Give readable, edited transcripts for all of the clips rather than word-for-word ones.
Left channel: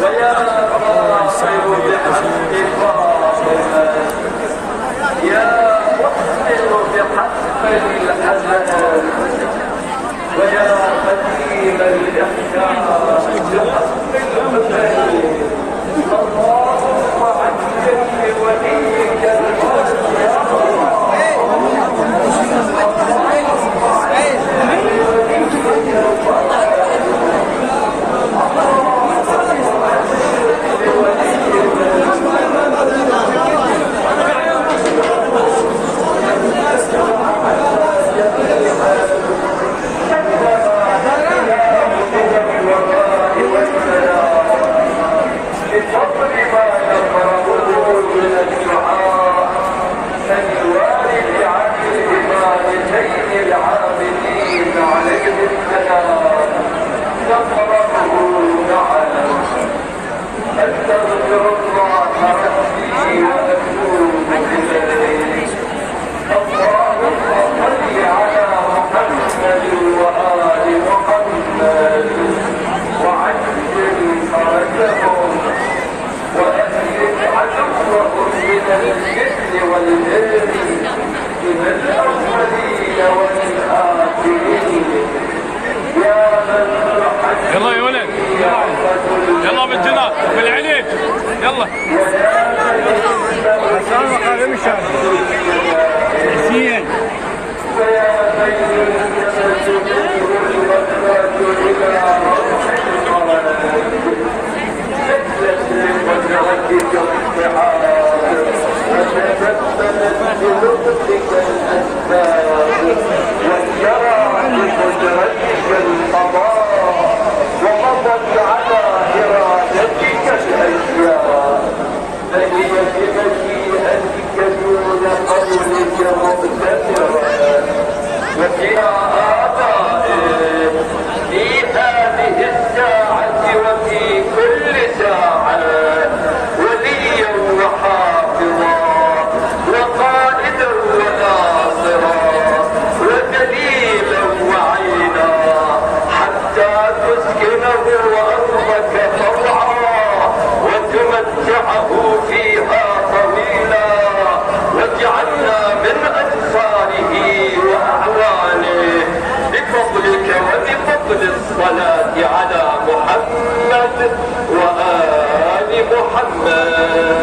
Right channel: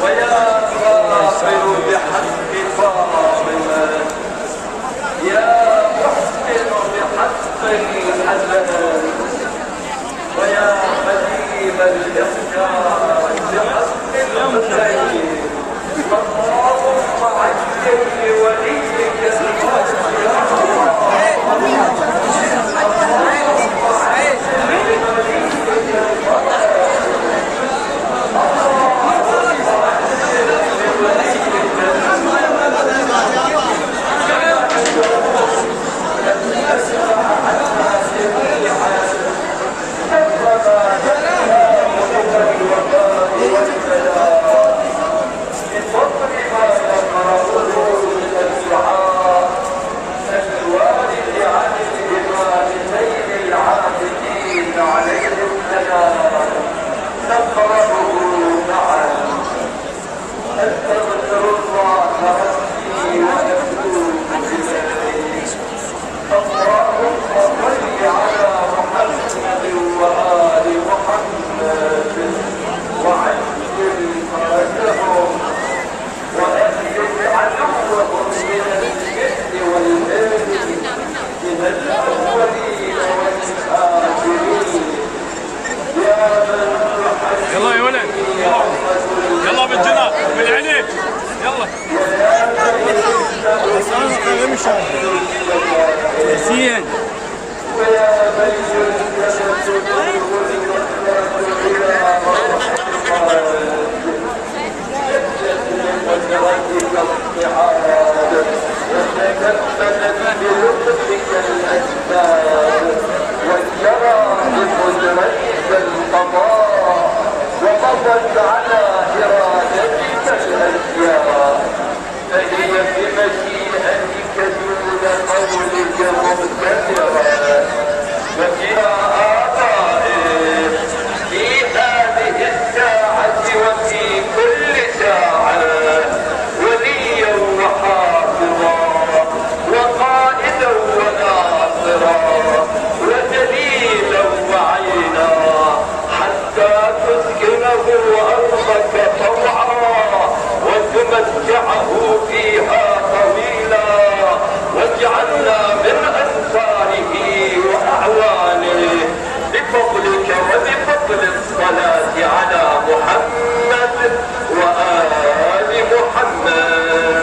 ويا فاخر بحق فاطمة يا محسن بحق الحسن ويا قديم الإحسان بحق الحسين اللهم عجل لوليك يلا يا ولد يلا بالجنات بالعليج يلا السلام عليكم مشان مرثية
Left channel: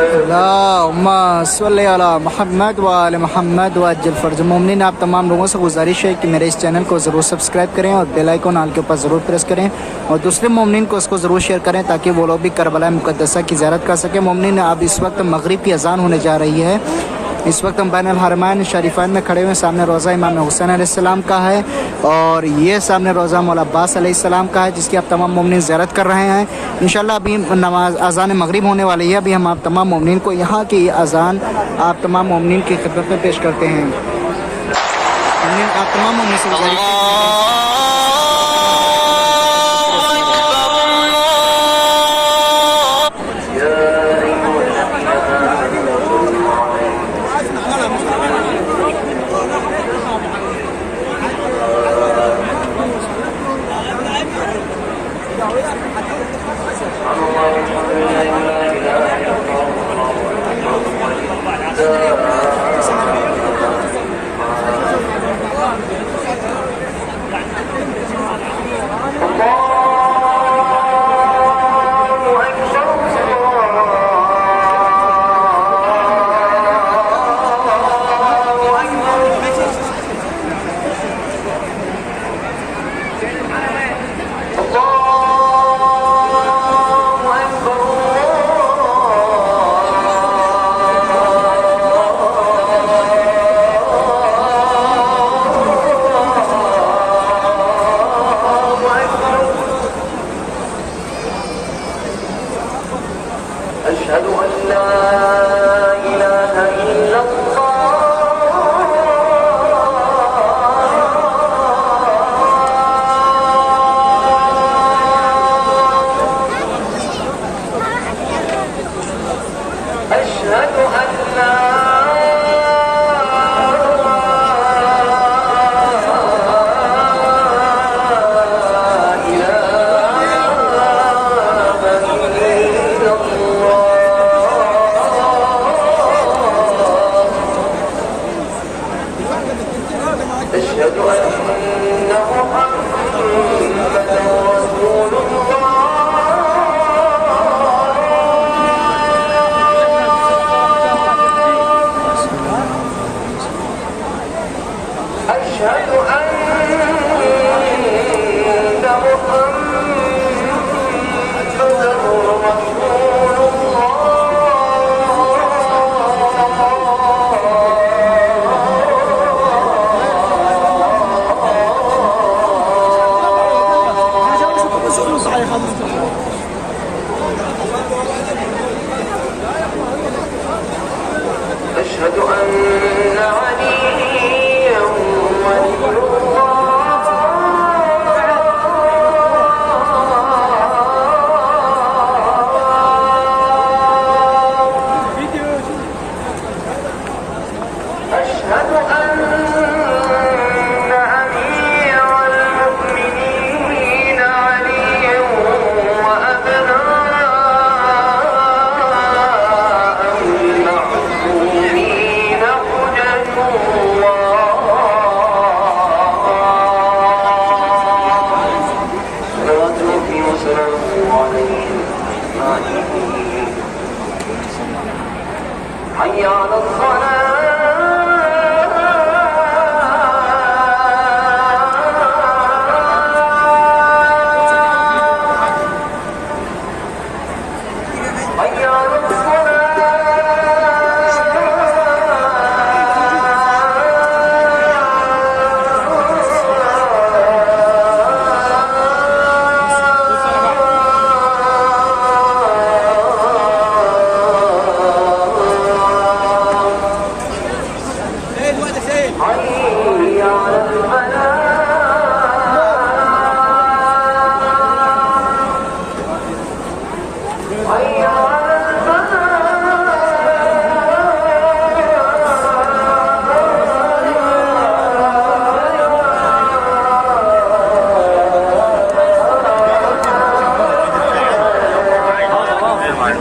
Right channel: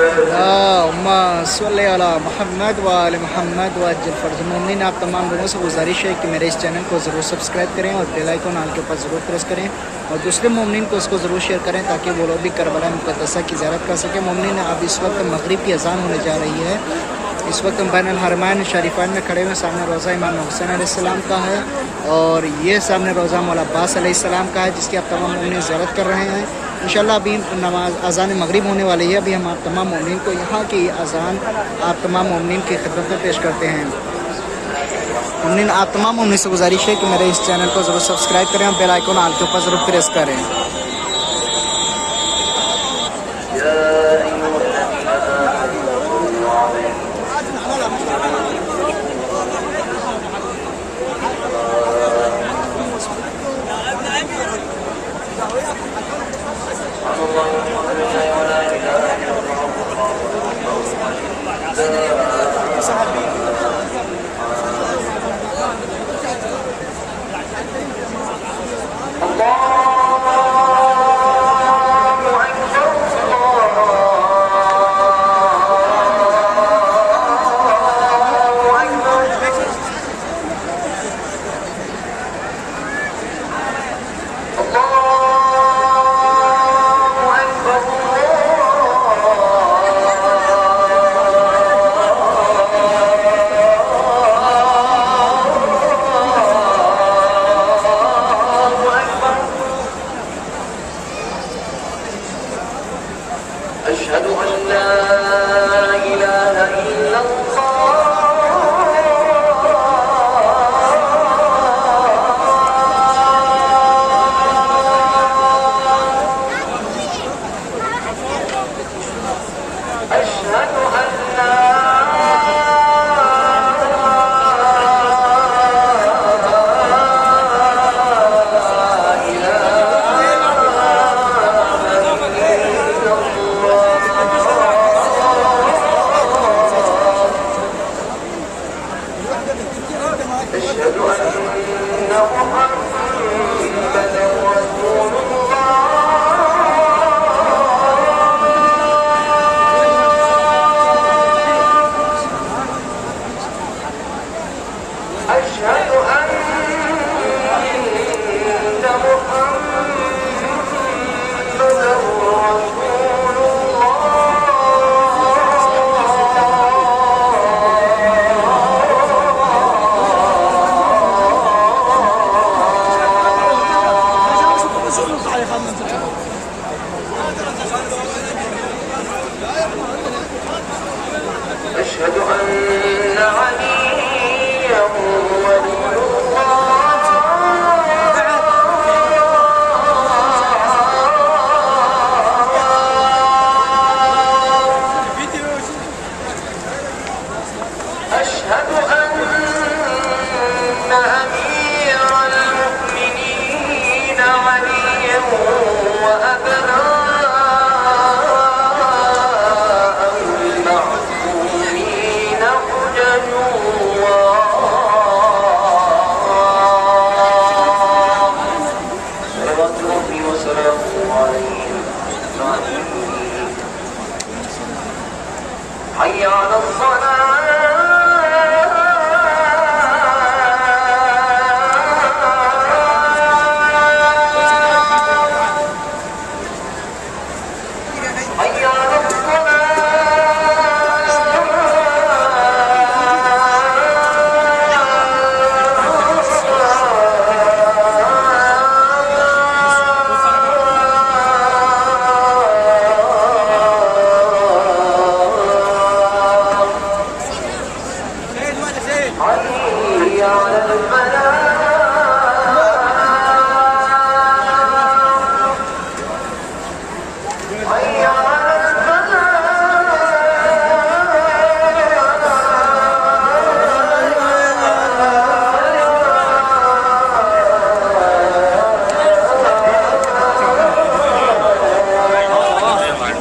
اللهم صل علی محمد و آل محمد وعجل فرج مومنین آپ تمام لوگوں سے گزارش ہے کہ میرے اس چینل کو ضرور سبسکرائب کریں اور بیل آئیکن آل کے اوپر ضرور پریس کریں اور دوسرے مومنین کو اس کو ضرور شیئر کریں تاکہ وہ لوگ بھی کربلا مقدسہ کی زیارت کر سکیں۔ مومنین اب اس وقت مغرب کی اذان ہونے جا رہی ہے۔ اس وقت ہم بین الحرمین شریفین میں کھڑے ہوئے، سامنے روضہ امام حسین علیہ السلام کا ہے اور یہ سامنے روضہ مولا عباس علیہ السلام کا ہے جس کی آپ تمام مومنین زیارت کر رہے ہیں۔ انشاءاللہ ابھی نماز اذان مغرب ہونے والی ہے۔ ابھی ہم آپ تمام مومنین کو یہاں کی اذان آپ تمام مومنین کی خدمت میں پیش کرتے ہیں۔ مومنین آپ تمام مومنین سے گزارش ہے کہ میرے اس چینل کو ضرور سبسکرائب کریں اور بیل آئیکن آل کے اوپر ضرور پریس کریں۔ الله أشهد أن عليا ولي أشهد أن أمير المؤمنين علي وأبناء المعصومين حجج الله صلوات ربي وسلامه عليهم أجمعين. حي على الصلاة وحافظا